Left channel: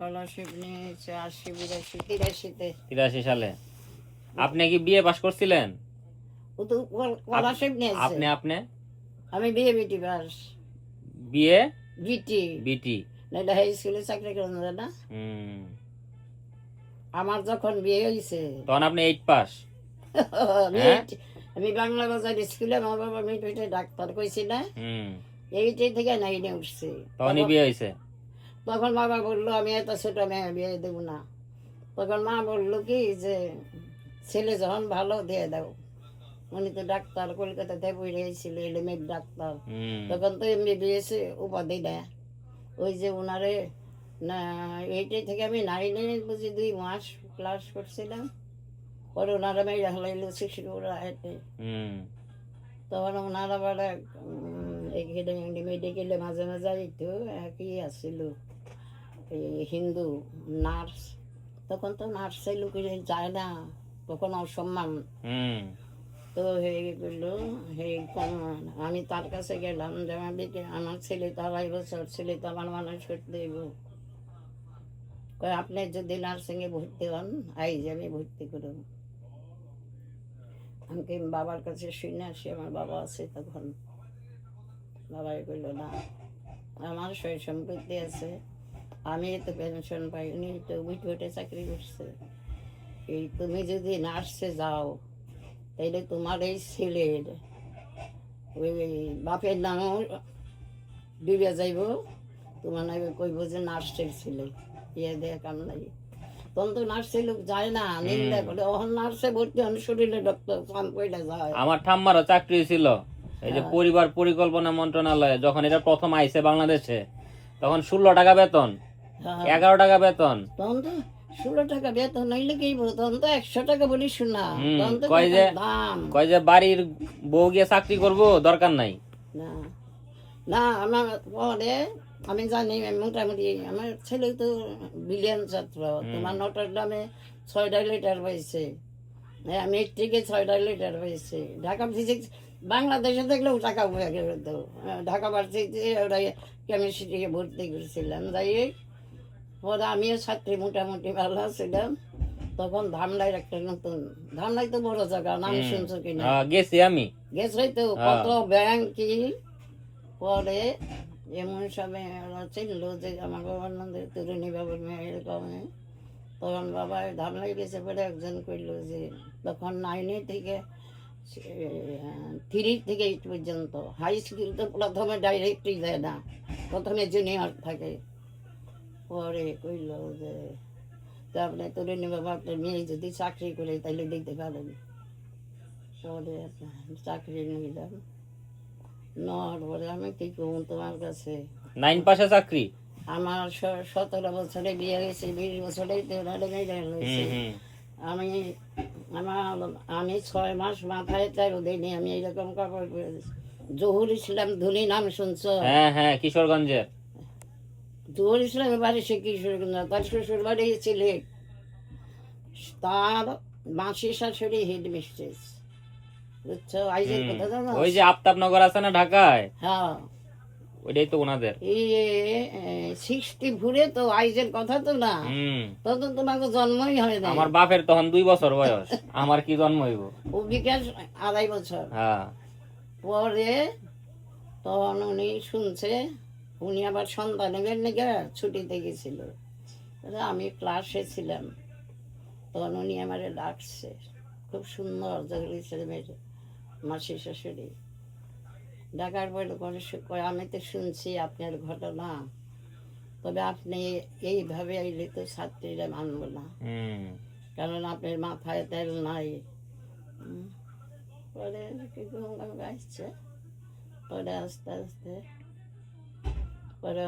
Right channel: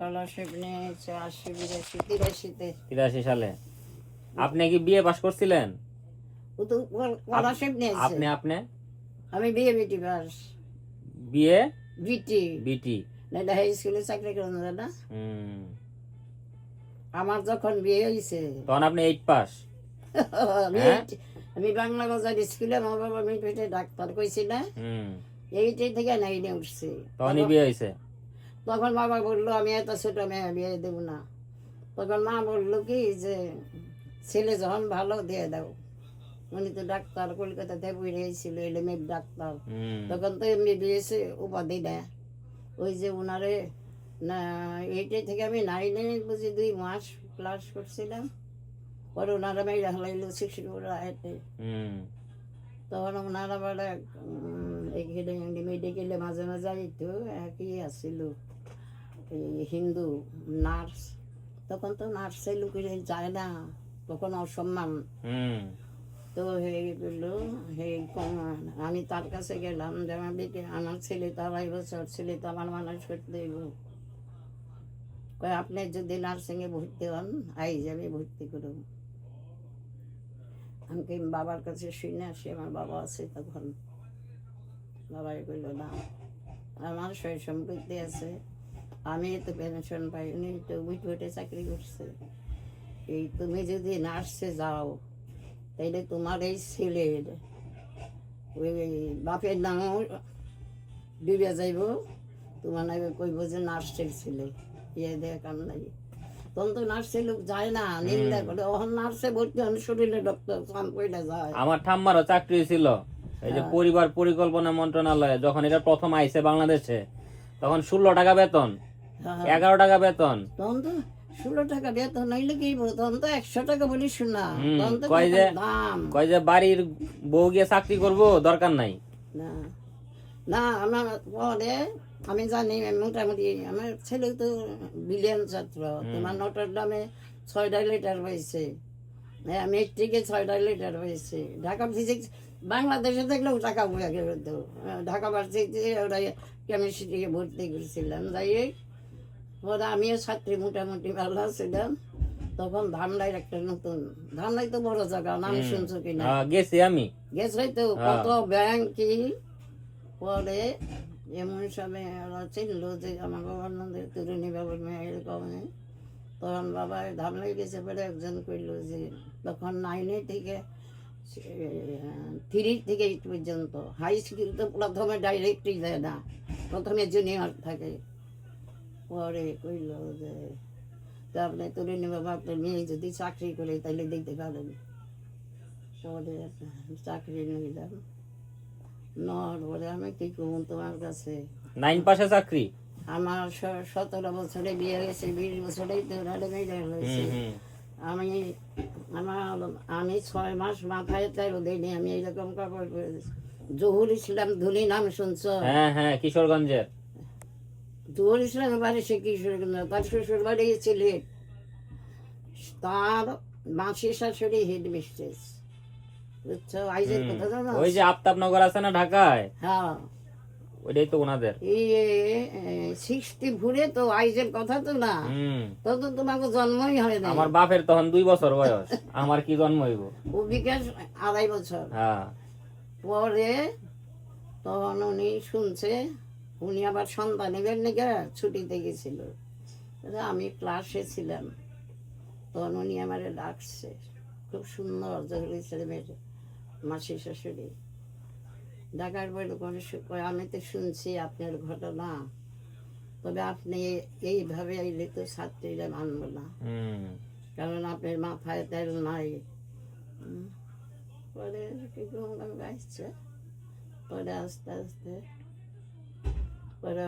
Scholarship নিয়েছে 80 82 83 সালে। আপনি কি বিএ পাস করছিলেন? ও তো স্কলারশিপ নিয়েছে। আপনি আমি বিয়ে বিটি পাস। বিএ বিটি বিটি। নাইলে হাই স্কুলে চাকরি করেন না। আমার যখন বিয়ে হয়েছে তখন আপনি 8 পাস। আমি বাংলা বাজার স্কুলে মা বাবা মিটে ডাক্তার কইছি না, এইটাই থেকে নাইনে উঠছে। তখনই বিয়ে হয়েছে। তখন বাবা বললো আমি এত ছোট মেয়ে বিয়ে দেব না। তখন মা বললো কি যে ছেলে যখন ভালো দিয়ে দাও। উনি তো ডাক্তার কলকাতাতে পড়িয়েছিল এলিমেন্ট ডাক্তার। তখন তো এমবিবিএস উপাধি দেয়। ওই যে উনারে না এইটাই থেকে আমি 9-এ বুঝি 2 মাস ক্লাস করছিলাম। পরে ওনারা মেয়ে হলাইলো 64 তখন ওনারা বলে এখানে মেডিকেলে মাঝে মাঝে একটু একই আসছিল হিন্দু নার্স। তখন তো নার্সের লোকের যায় না, তখন অসম্মান। তো হয়ে গেল আমি তার কাছে গেলাম যে আমার ছেলে তো 2.5 বছর, ছেলে তো আমার মানুষ করতে দেব। আপনি যদি নার্সিংয়ে ভর্তি হন আইজ আমি ভর্তি করব। আমাকে বাবার কাছে শুনে আসি, আমার বাবা আছে তখন। বাবাই কইল না আমার সয় সম্পত্তি আছে, আমি তো পেনশন পাইনি, তো উঠে চাকরি করছে। এই তুমি যদি নার্সে যাও তাইলে তোমার এই ছেলের ওই বাপের নামও ডুবে যাইব, তোমার নাকি কইব যে নার্সের ছেলে ইয়ে দেয় কাম নাই। তখন তো নার্সের লোক যায় না, নিন্দা করে। ওখান নার্সে ভর্তি হন শরীরে ডক্টর কান কইলা যায়। আমার ঠাম্মারও চাকরি ছিল এই যে পরিবার পরিকল্পনা মন্ত্রণালয়ে। যখন এটা প্রথম আইছে বাংলাদেশে তখন 16 টাকা বেতন, 11 টাকা বেতন। তখন তো 16 টাকা বেতন হইলে কি, তখন তো 100 টাকা বলি শোনা। তখন তো দাম কয় যে বাড়ির বউ গিয়ে চাকরি করবো দরকার নাই। না না আমার পরে আমি জানি মোটামুটি আমার ছেলে তো বিলিয়ন ছাত্র। তোমার নটর ডামে 6টা লিটার পাইছে, মেট্রিকে 6টা লিটার পাইছে। ঢাকা ফিজিক্স বাংলাদেশে দেখলেও টাকা হয়ে গেল। তো ঢাকা ভার্সিটিতে ওরা কেমিস্ট্রিকে ভর্তি করেছিলাম। যাই পরে আমিও ছাত্রী মোটামুটি ভালো ছিলাম। তখন ধামরাইয়ের একটা নতুন, ধামরাই তো বড় জায়গা, নাম শুনছো কিনা? গেছি আমি, গেছে তো কত ব্যাংক কি। পরে এমন সময় ওরা চিনলো যে আমার বাবার নন্দের তরুণী বাবার মেয়ে এরকম। তখন বাবা ধামরাই গেছে, পরে একজন কইলো যে তখন 9 থেকে 3 থেকে 8 পর্যন্ত হাই স্কুল তো প্রথমে ডাইরেক্টই দেয় না, প্রথমে জুনিয়র থাকে। পরে কইল যে আপনি তরুণী বাবা আপনার মেয়ে যদি চাকরি করে তাহলে দিতে পারেন। পরে চাকরি নিলাম। নেওয়ার পরে আমি কি করবো তোমার কাছে, 9 পাশে চাকরি। আমার 17 বছরে বিয়ে হয়েছে, 20 বছরে হয়েছে। আমি 6 মাস মাথায় চাই দিনে আমি এইরকম কাপড় পরেছি। জহুর ইসলাম ধনী নাম শুনছো? হ্যাঁ, কিশোরগঞ্জের। জহুর ইসলামের বাড়ি সে কিশোরগঞ্জ, তার শ্বশুর বাড়ি সিলেট। তার মাসি শাশুড়ি হেড মিস্ট্রেস, বুঝছো? আইজের কথা জানো? ওই যে আফতাবনগর আছে না ঢাকায়, হ্যাঁ ওইটাই তো ওনাদের। এই 60 ভুলে তো আইজের কথা তো না। তখন তোমাকে জন্মই হয় না। আমার বাপের তখন 2 বছর বয়স, আমার কি জন্ম হইব? ও বিকাশ 2.5 বছর। হ্যাঁ। পরে তখন উনি শুনছে, উনি আবার সন্তানের লেগে ছুটিতে গেছিল। আমি ক্লাসে ছিলাম, তখন উনি আমার ডাকছে। খুব সুন্দর ছেলে মাসি শাশুড়ি। ডাকার পরে আমি তো শুনছি আপনার ঘটনা, তবে আপনি এইভাবে আইলে তো ছাত্রীরা মানব না, কারণ আপনার মাথায় তেল নাই। পরে আসছে, পরে আস্তে আস্তে পরে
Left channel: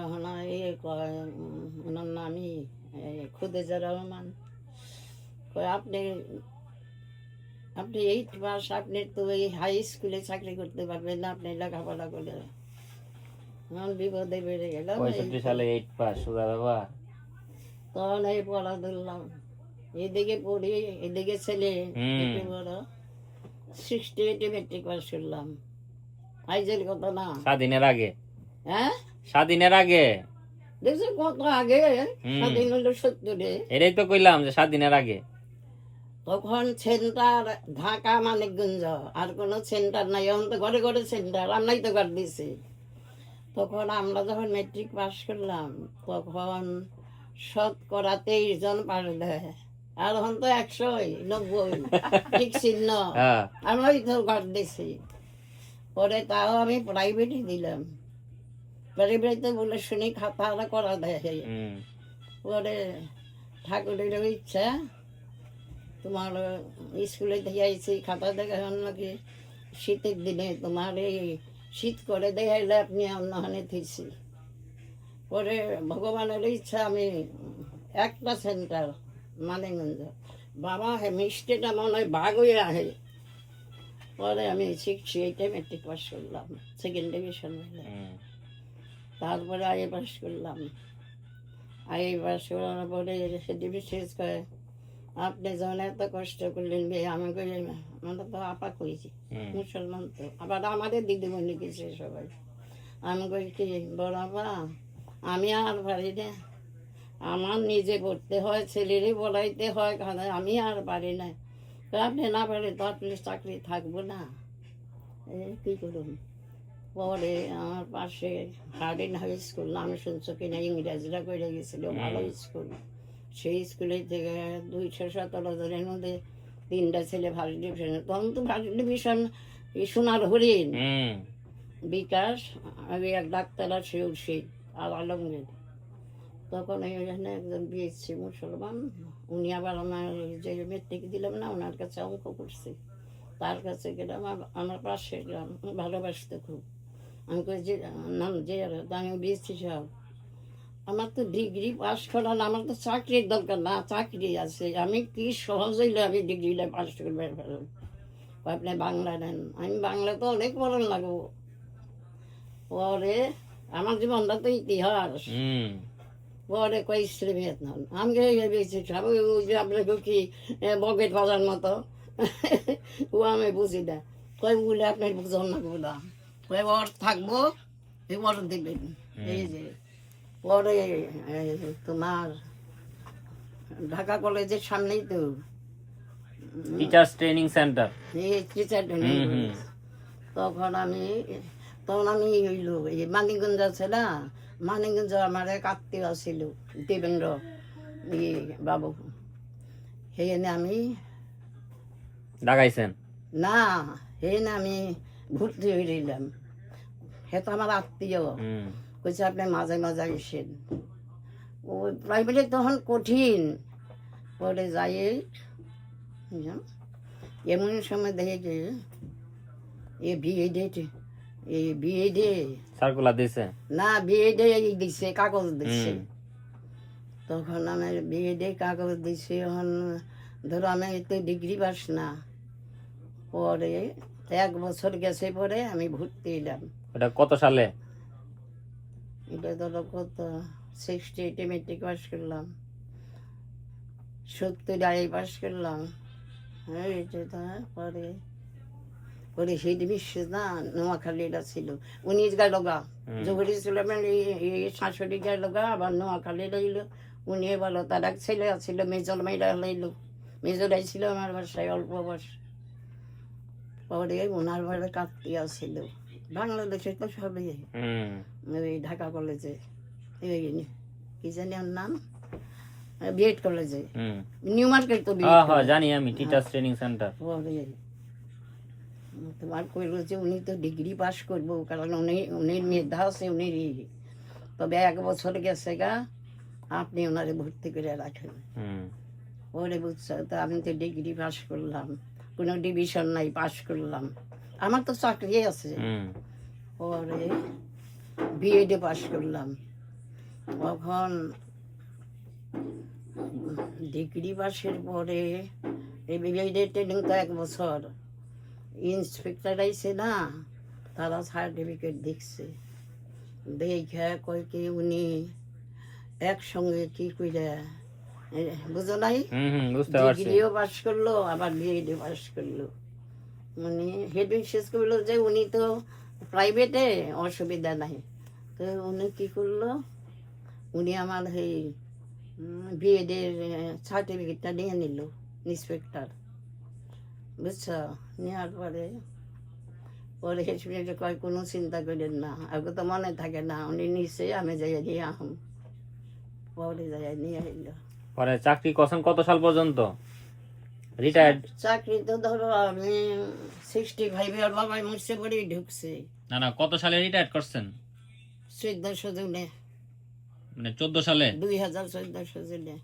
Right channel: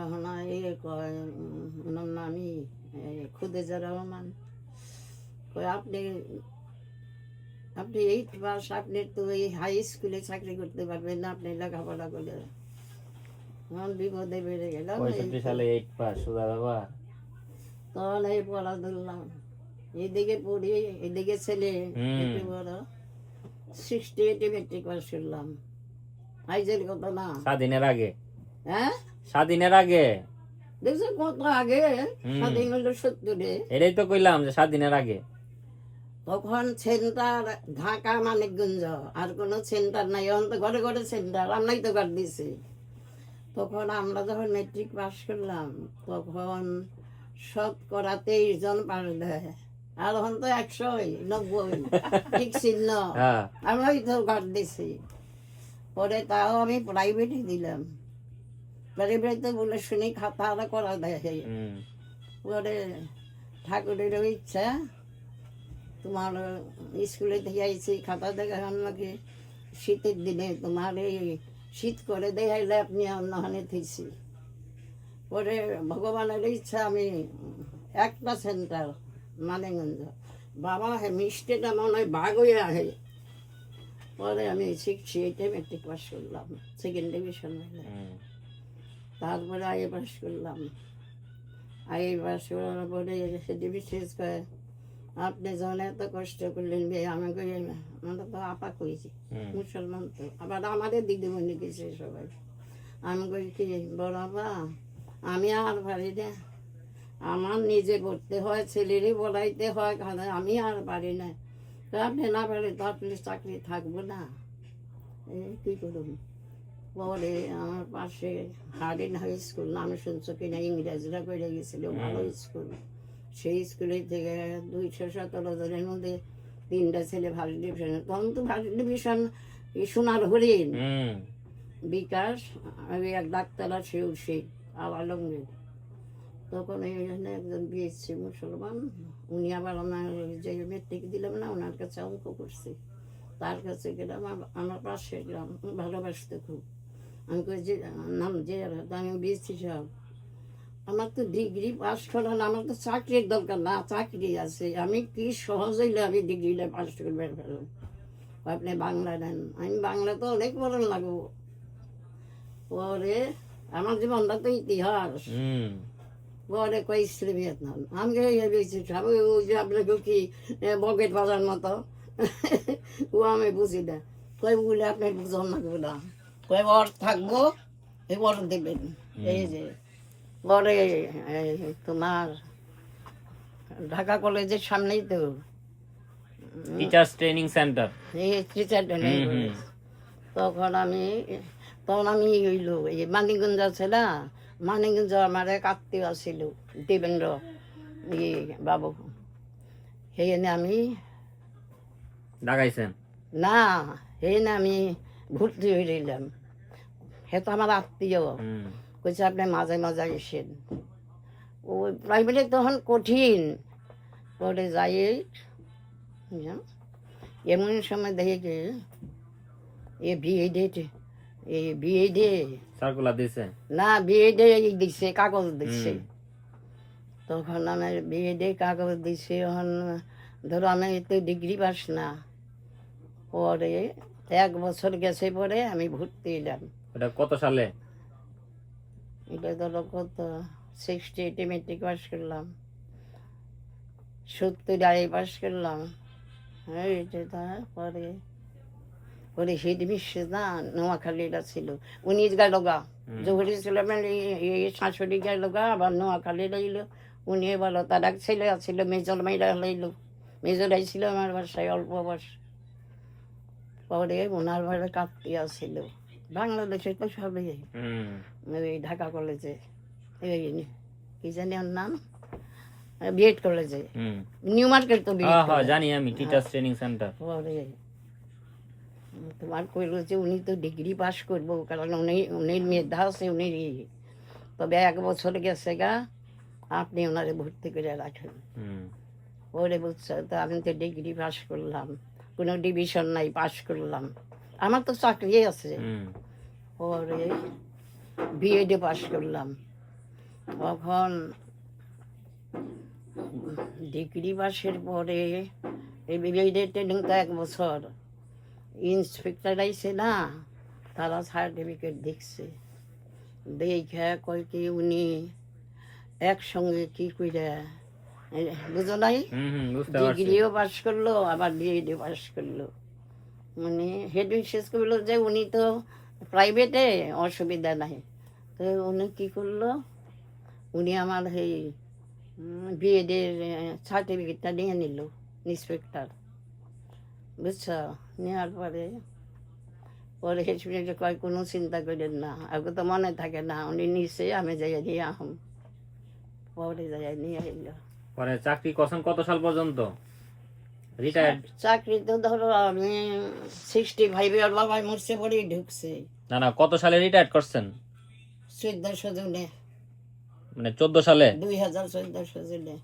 ওনার নামই খুদেজা রহমান। আপনি 8 মাস আপনি তো এই হাই স্কুলে চাকরি করতে পারবেন না, আপনি লেখাপড়া করে। বিপদে বেড়ে গেল। 65 সালে 8 পাস সুদা বাবা। তখন এই পড়া ধরলাম, এদিকে পড়ি এদিকে ছেলে বড়। 68 মেট্রিক পাস করলাম। আইজের কথা না, স্বাধীনের আগে। হ্যাঁ স্বাধীনের আগে দেখছি কত আগে, হুম। স্বাধীন হলো 70-এ, এটাই তো কইলাম যে 7 দিনের আগে। তখন সেন্টার ঢাকা মানিকগঞ্জ, আর কোনো সেন্টার নাই। এখন তো ঘরে ঘরে সেন্টার, আমরাই তো ঘর দিছি। তখন আমরা যখন মেট্রিক পাস করলাম, তখন 23% পাস দেয়, আর এখন তো 190 ঠিক চিহ্ন। হ্যাঁ। আমরাই তো ঘর দিছি। পরে তাও আমি প্রাইভেটই দিলাম, প্রাইভেটে বলে শুনি খাতা করা দেয়। হুম। পরে ঠাকুরের ইচ্ছা, তোমার স্কুলে থেকে আইছি, খাতা দেখা হন নাকি শীতের দিনে তোমার এই শীত করে দেখাইলে আপনি অন্যখানে থিছি। পরে ভগবানের ইচ্ছা আমি একটা সেন্টার মানিকগঞ্জ, বাবা হে মিষ্টিটা মনে হয় ভাগ হয়ে আহে। পরে আমি 68-এ মেট্রিক পাস করলাম, সেকেন্ড ডিভিশন হইলে। হুম। তারপরে আইএ পাস করলাম। আইএ পাস করার পরে সেটি বিশেষ করে, আপনি যখন এত কষ্ট করলেন বে, আমাকে আমরা তো আপা কইছি, হুম। মুসলমান তো, আবার আমাদের দিদিমণি গেছে সবাই। আমি কই কি, বড় আপা আমি আর পারি না, আমার নিজে করতে হয়, ছেলেরই বলাইতে হয়, আমি আর পারি না। তো আপনি না পারে তো আপনি চাকরি থাকবো না, এই কী করুন। পরে আমার পাশে হার্ডিন হাই স্কুল, নাম শুনছো কিনা, ইংরেজরা করে গেছিল, ভালো স্কুল। সেই স্কুলে থেকে 217 জনের মধ্যে 3টা ছেলে ফার্স্ট ডিভিশনে। তখন তো ফার্স্ট ডিভিশন সোনার হরিণ, হুম। বিকাশ, আমি এক ডাক্তার আছে উঠছি আর আলমগীর। তখন এইখানে একজন বিএসসি মুসলমান, উনি আবার আমার যে মেট্রিক দিলাম না, ওনার কাছে অঙ্ক করছি। তার কাছে গেলাম, আমার পাশে গেলাম, ভালোবাসতে খুব। আমি কই যে নাম যে, আমি বিএসসি সাহেব, আমার তো ডিগ্রি পাস করা না, আমার তো চাকরির দরকার না, চাকরি আছে, আমি কি সহজ হইলে আমি ডিগ্রিটা পাস করবে পারলাম। আপনি বাংলা নেন, আমি বাংলা তো অনেক পড়ান লাগবো। পরে আমার জীবনটা তো ইতিহাস। হুম। পরে কই শ্রীবিয়াত নাম আমি বেশি ওই যে আপনাকে কি বকেট বাজার মতো, ও আমি বুঝি না। কই বলে আপনি বুঝন না বলা, কই ওর থাকবো, এই ওর দেবেন। এই যে পরে তোমার ঢাকা কলেজের সামনেই তো টিচার্স ট্রেনিং সেন্টার। এই টিচার ট্রেনিং কলেজ। তখন আমি হইলো এই মানিকগঞ্জ আছে না, মানিকগঞ্জ আমার এক আত্মীয় ছিল দেবেন্দ্র বাবু, সেখানে আমি লাগাইছেন। না, সেখানে আমি ভর্তি হয়ে রইলাম। সে তো আমার আত্মীয়, হুম। কইছে আপনি মাঝে মাঝে এসেন। ওই প্রাইভেটে তখন কঠিন। পরে যাই এমন সময় দেখে যে বিএডে সার্কুলার দিছে। না, বিএডে দিচ্ছে, কাগজ দিচ্ছে। হুম। তখন আমার বিএডে কাগজ দিচ্ছে, এখন ধরো আমি তো ডিগ্রি পাস না। পরে 1 বছর গেছে, পরে আমি ভর্তি হলাম। ওটা কত সালে? এটা ধরো কত, 68-এ মেট্রিক পাস করলাম, 70 পাস করলাম। তারপরে ওরে হিট বিশ্ব না, নোয়াখালীরা ছিল, 19 গেল গা, জহুরি ছিল এই শাশুড়ি গেল গা, আবার নোয়াখালী রইল। উনি বলো তার এক ছেলে আছিল, মেজর মেয়েরা লইল, মেজরাই ছিল আমার বাসায় অল্প বয়স। পরে ওনার বাড়ি কাপ্তিয়া ছিল, বাংলাদেশে তো সবই, ওই ঢাকা কলেজে, এই কি জানি ওর নাম, বিএড কলেজে, নিউ মার্কেট তো জানি আমি, টিচার্স ট্রেনিং সেন্টার। পরে তোমার কইল যে উনি তো ডিগ্রি পাস করবো, কারণ উনি মেধা আছে, উনি তবে 1 বছর গেছে গা, আপনি ওনারে ভর্তি করে রাখেন। ওরে বুঝছো তো, আমি তো ডিগ্রি পাস করলাম, কোনো ডিভিশন নাই, পাস করলাম, আমার তো চাকরি আছে। পরে বিএডে পাস করলাম। তখন ডিগ্রি পাসের পরে এই বিএডে ট্রেনিং তো 1 বছর, ইন্সপেক্টর আইছে না, তারা সার্টিফিকেট দেখছে, দেখে কয় কি উনি একসঙ্গে কি কইরা, বুঝো নাই, ডিগ্রিও পাস করলো আবার বিএডে পাস করলো। মানে হেড মিস্ট্রেস করলো যে উনি তো প্রাইভেটে, অসুবিধা নাই। তো উনি কি করলো, উনি আমার এই বিএডের সার্টিফিকেটটা নিয়ে নিল ইন্সপেক্টর, বুঝছো? নেওয়ার পরে পরে শুনে কয় কোনো চিন্তা করেন না, আগে তো মনে থাকে না, উনি নিচে আমি যাই দিয়ে আহম, পরে যাই নিয়ে এলো। পরে চাকরি করছেন কত সাল পর্যন্ত? রিটায়ার্ড? চাকরি তো ধরো আমি 65 আর বাবাই মরছে পরেই ঢুকছে। না না, কত সালে রিটায়ার্ড করছেন? 1400 জনে, মানে 14 সালে? 2014 জনে।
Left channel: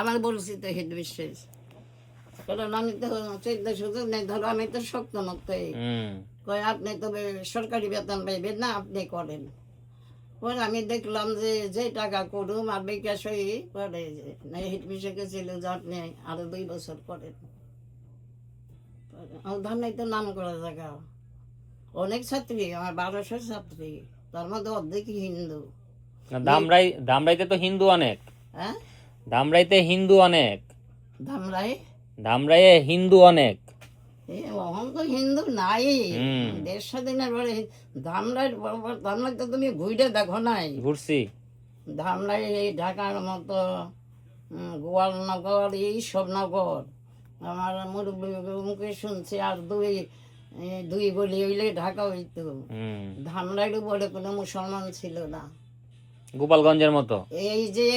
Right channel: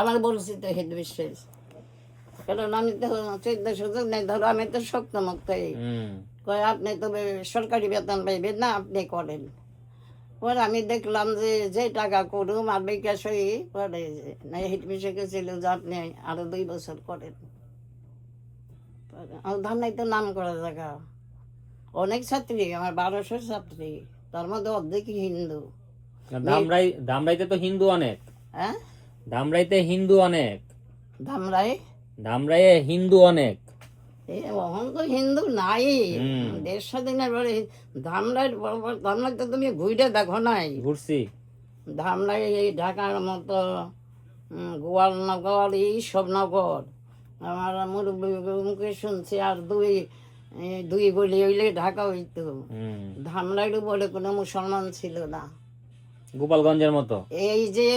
আমার বলছি তো হেড বিশ্বাস, কারণ আমি তো 1400 জনে ধরো, আমি তো শক্ত মুক্ত। কয় আপনি তবে সরকারি বেতন পাইবেন না, আপনি করেন। পরে আমি দেখলাম যে টাকা করুম আর বিকাশ হয়ে পরে হেড মিশে ছিল যে আপনি আরো 2 বছর করেন। ধানাই তো নাম করা জায়গা, অনেক ছাত্রী, আমার 1200 ছাত্রী, তার মধ্যে অর্ধেকই হিন্দু। ধামরাইতে তো হিন্দু অনেক। হ্যাঁ, ধামরাইতে হিন্দু অনেক। ধামরাই? ধামরাইয়ে হিন্দু অনেক। এখন তো হিন্দু নাই, দেশ স্বাধীনের পরে ধামরাই তো তুমি ঘুরে দেখো নাই? ঘুরছি। ধামরাই এই ঢাকার মতো গোয়ালনগর, এইসব নগর আমার মুরব্বীর মুখে শুনছি। আর দুই গলি হইলে ঢাকা হইতো। ধামরাইও বলে কোনো মুসলমান ছিল না, গোপালগঞ্জের মতো। এই যে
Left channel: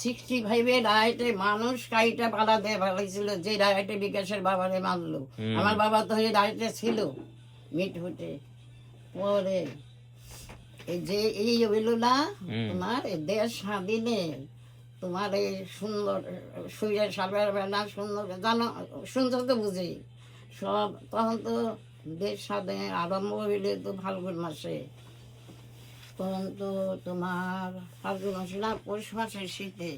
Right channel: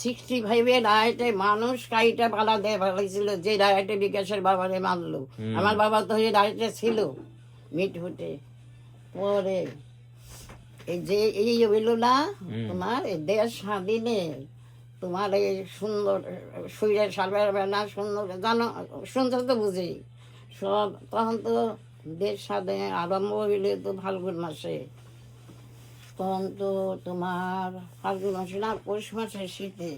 65 রায়টে মানুষ কাইটা পালা দিয়ে ফেলেছিল, যে রায়টে বিকাশের বাবারে মারলো। আমার বাবা তো এই রায়টে ছিল মিটফুটে। পরে এই যে এই হইল না তোমার দেশ স্বাধীনে, তোমার এই সুন্দর সুইরে সালবে না সুন্দর জানো, সুন্দর তো বুঝি সব। তখন তো দেশ স্বাধীন আরম্ভ হইলে তো ফাল্গুন মাসে, তখন তো তোমার ফাল্গুন মাসে না পৌষ মাসে শীতে